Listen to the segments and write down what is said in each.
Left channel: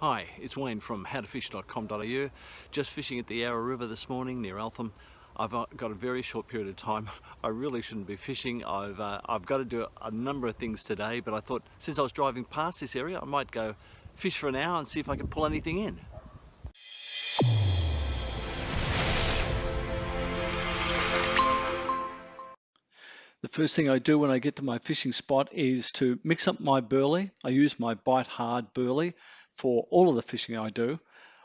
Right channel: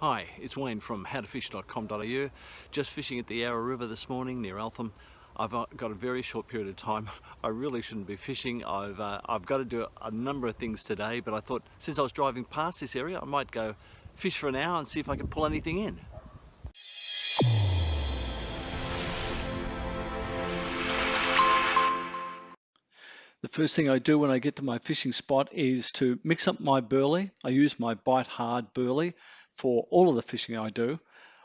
Hi, it's Wayne from howtofish.com.au. Just fishing at the Yarra River this morning near Eltham. I've got a very short period of time. I really shouldn't be fishing. I've got to do a number of things today, but I thought since I was driving past this area, I might go fish for an hour and see if I can pull anything in. The first thing I do when I get to my fishing spot is to mix up my burley. I use my Bite Hard burley for all of the fishing I do.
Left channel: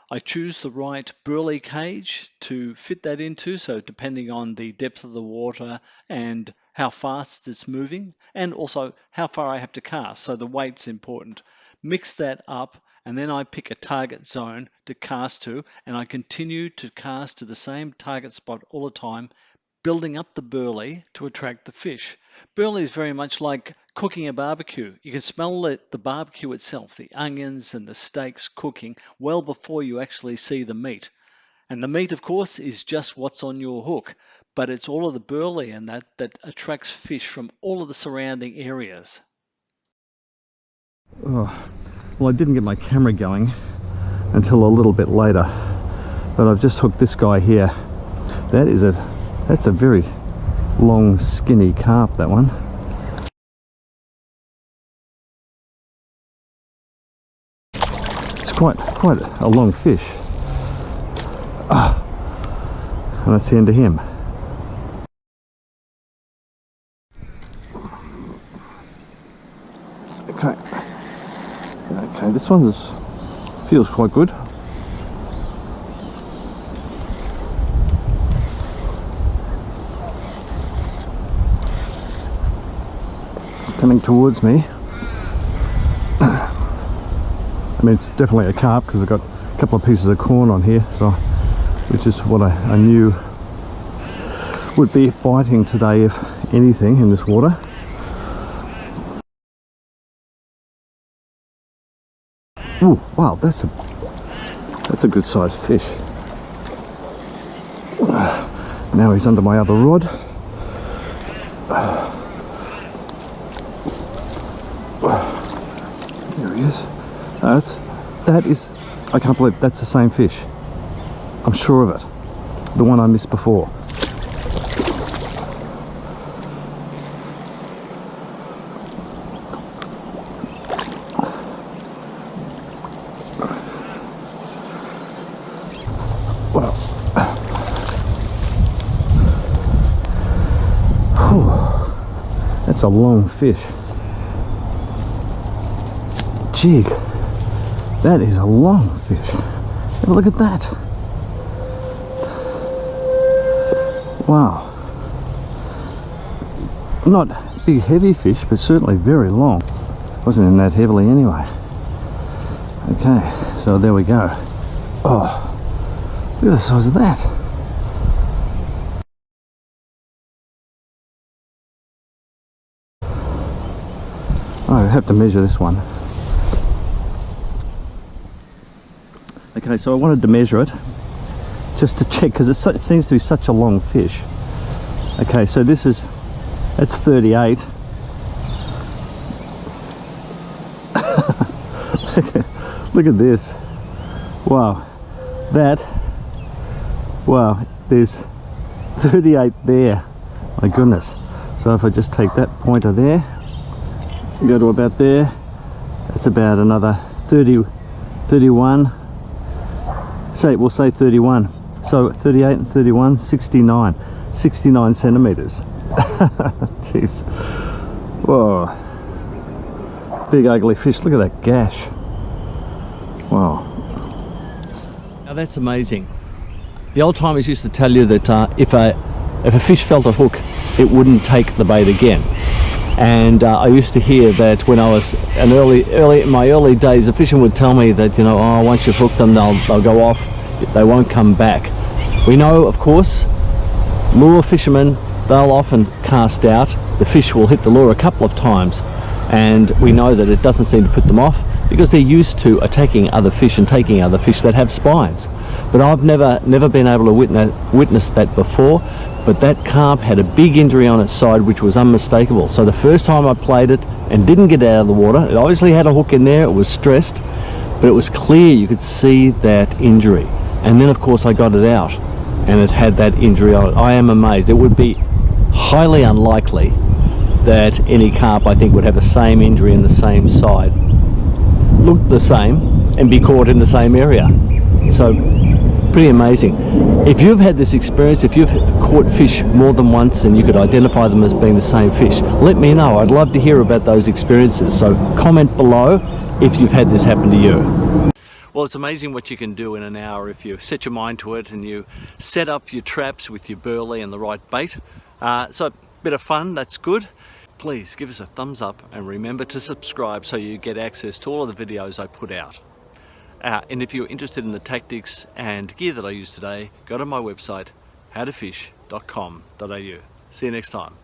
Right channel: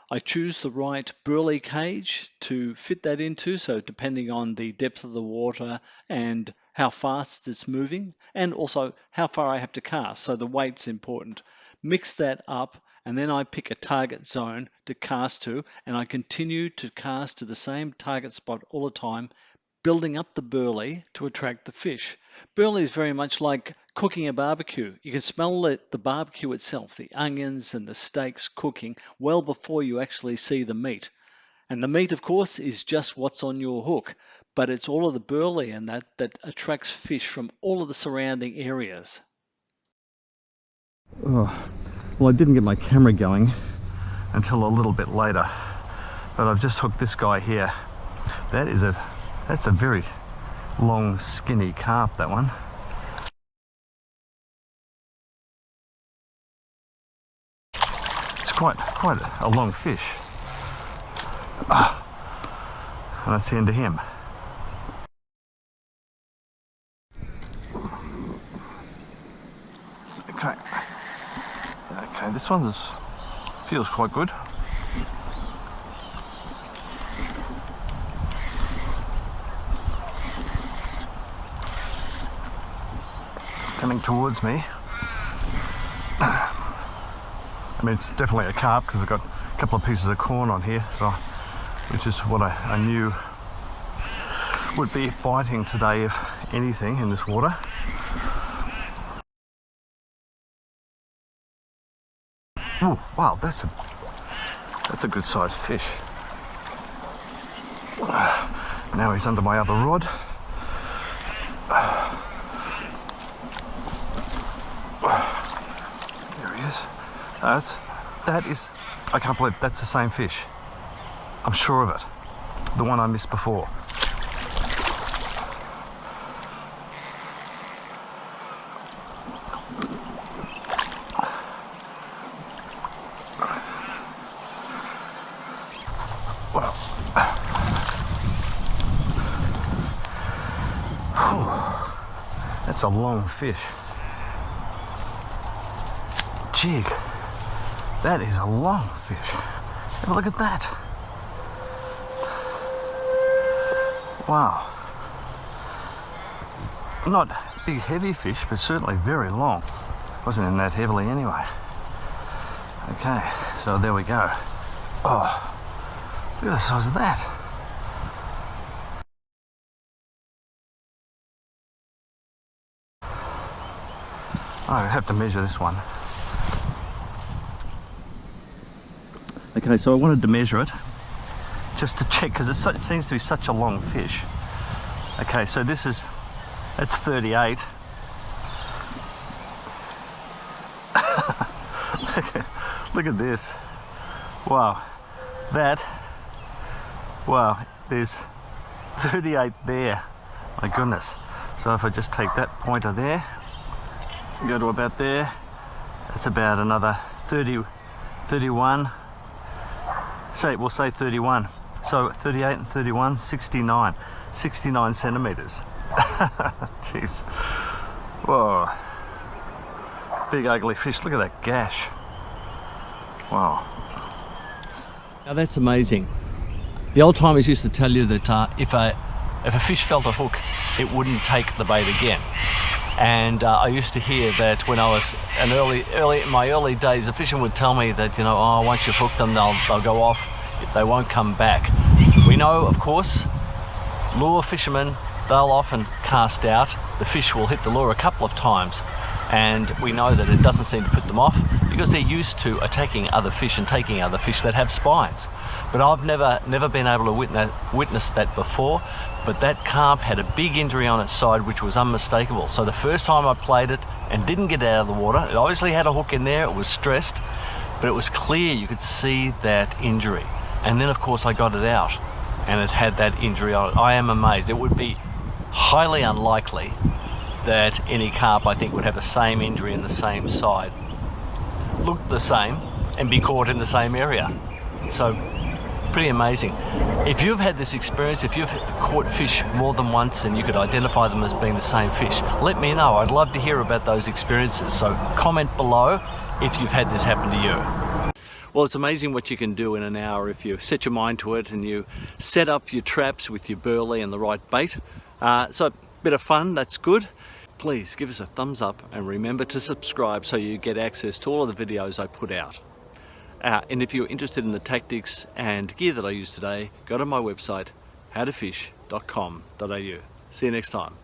I choose the right burley cage to fit that into, so depending on the depth of the water and how fast it's moving, and also how far I have to cast, so the weight's important. Mix that up, and then I pick a target zone to cast to, and I continue to cast to the same target spot all the time, building up the burley to attract the fish. Burley is very much like cooking a barbecue. You can smell the barbecue itself, the onions and the steaks cooking well before you actually see the meat. And the meat, of course, is just what's on your hook, but it's all of the burley and that attracts fish from all of the surrounding areas. Oh, well, I didn't get my camera going until a little bit later, but I've just hooked this guy here. That's a very long, skinny carp, that one. It's quite a long fish. And that's the end of him. Okay, this one feels quite good. Coming towards me. I mean, it's definitely a carp because I've got a couple of pieces of corn on here, so which is what I knew would be biting today, if anything, in this water. Oh wow, that's a good sized fish. Now he's under my other rod. There he is. That is, I can't believe that's the same fish. I'm sure of it. The one I missed before. Wow. Whew. That's a long fish. Jig, that is a long fish. Have a look at that. Wow. Not big heavy fish, but certainly very long. Wasn't in that heavily anyway. Okay, so there we go. Oh, look at the size of that. I have to measure this one. Okay, so I wanted to measure it just to check because it seems to be such a long fish. Okay, so that's 38. Look at this. Wow, wow, there's 38 there. My goodness. So if I just take that pointer there, go to about there, that's about another 30, 31. We'll say 31. So 38 and 31, 69 centimeters. Jeez. Whoa. Big ugly fish. Look at that gash. Wow. Now that's amazing. The old timers used to tell you that if a fish felt a hook, it wouldn't take the bait again. And I used to hear that when I was in my early days, the fishermen would tell me that, you know, oh, once you've hooked them, they'll go off, they won't come back. We know, of course, lure fishermen, they'll often cast out. The fish will hit the lure a couple of times, and we know that it doesn't seem to put them off because they're used to attacking other fish and taking other fish that have spines. But I've never been able to witness that before. But that carp had a big injury on its side which was unmistakable. So the first time I played it and didn't get out of the water, it obviously had a hook in there, it was stressed, but it was clear, you could see that injury. And then of course I got it out and it had that injury on it. I am amazed. It would be highly unlikely that any carp, I think, would have the same injury in the same side, look the same, and be caught in the same area. So pretty amazing. If you've had this experience, if you've caught fish more than once and you could identify them as being the same fish, let me know. I'd love to hear about those experiences. So comment below if you've had this happen to you. Well, it's amazing what you can do in an hour if you set your mind to it and you set up your traps with your burley and the right bait. So a bit of fun, that's good. Please give us a thumbs up and remember to subscribe so you get access to all of the videos I put out. And if you're interested in the tactics and gear that I use today, go to my website, howtofish.com.au. See you next time.